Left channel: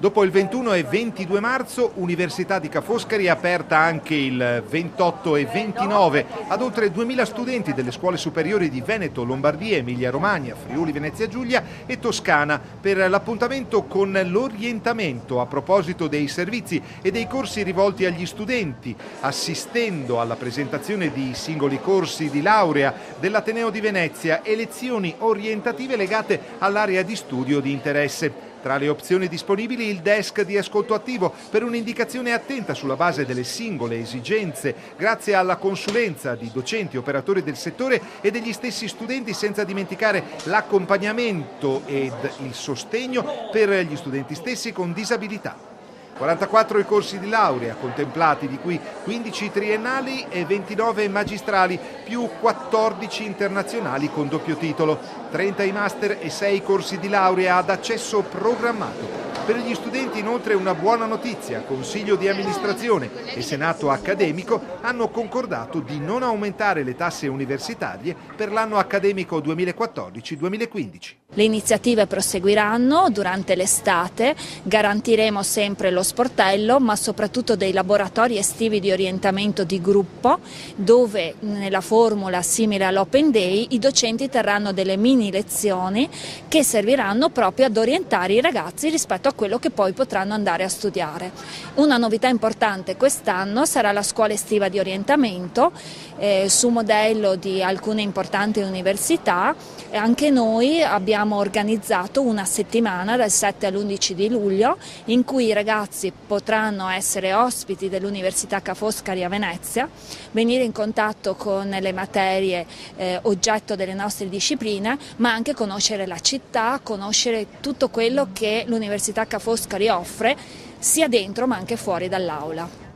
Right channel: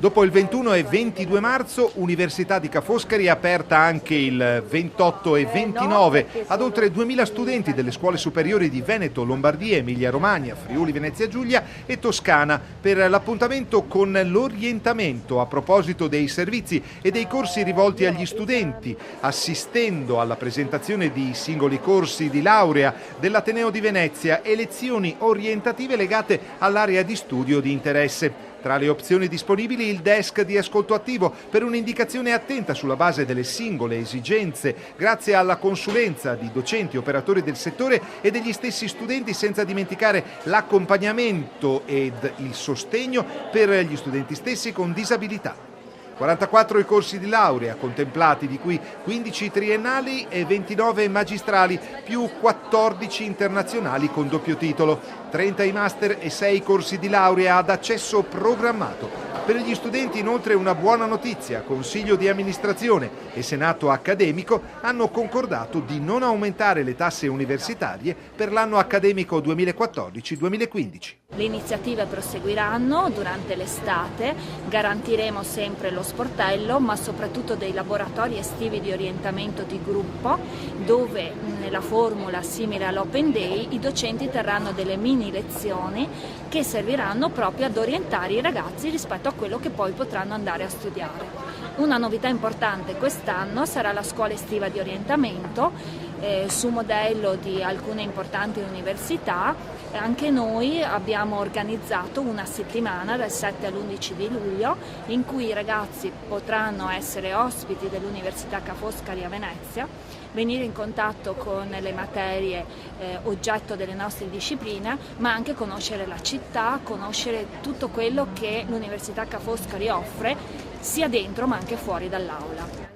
Dopo il 21 e 22 marzo, Università di Ca' Foscari è aperta anche il 28 e 29 ad oltre 2000 studenti delle scuole superiori di Veneto, Lombardia, Emilia-Romagna, Friuli, Venezia Giulia e Toscana per l'appuntamento con l'orientamento a proposito dei servizi e dei corsi rivolti agli studenti, assistendo alla presentazione di singoli corsi di laurea dell'Ateneo di Venezia e lezioni orientative legate all'area di studio di interesse. Tra le opzioni disponibili il desk di ascolto attivo per un'indicazione attenta sulla base delle singole esigenze, grazie alla consulenza di docenti, operatori del settore e degli stessi studenti, senza dimenticare l'accompagnamento ed il sostegno per gli studenti stessi con disabilità. 44 i corsi di laurea contemplati, di cui 15 triennali e 29 magistrali, più 14 internazionali con doppio titolo, 30 i master e 6 corsi di laurea ad accesso programmato. Per gli studenti inoltre una buona notizia: Consiglio di amministrazione e Senato accademico hanno concordato di non aumentare le tasse universitarie per l'anno accademico 2014-2015. Le iniziative proseguiranno durante l'estate, garantiremo sempre lo sportello, ma soprattutto dei laboratori estivi di orientamento di gruppo, dove nella formula simile all'Open Day i docenti terranno delle mini lezioni che serviranno proprio ad orientare i ragazzi rispetto a quello che poi potranno andare a studiare. Una novità importante quest'anno sarà la scuola estiva di orientamento, su modello di alcune importanti università. Anche noi abbiamo organizzato una settimana dal 7 all'11 di luglio in cui i ragazzi potranno essere ospiti dell'Università Ca' Foscari a Venezia, venire in contatto con le materie oggetto delle nostre discipline, ma anche conoscere la città, conoscere tutto quello che l'Università Ca' Foscari offre sia dentro ma anche fuori dall'aula.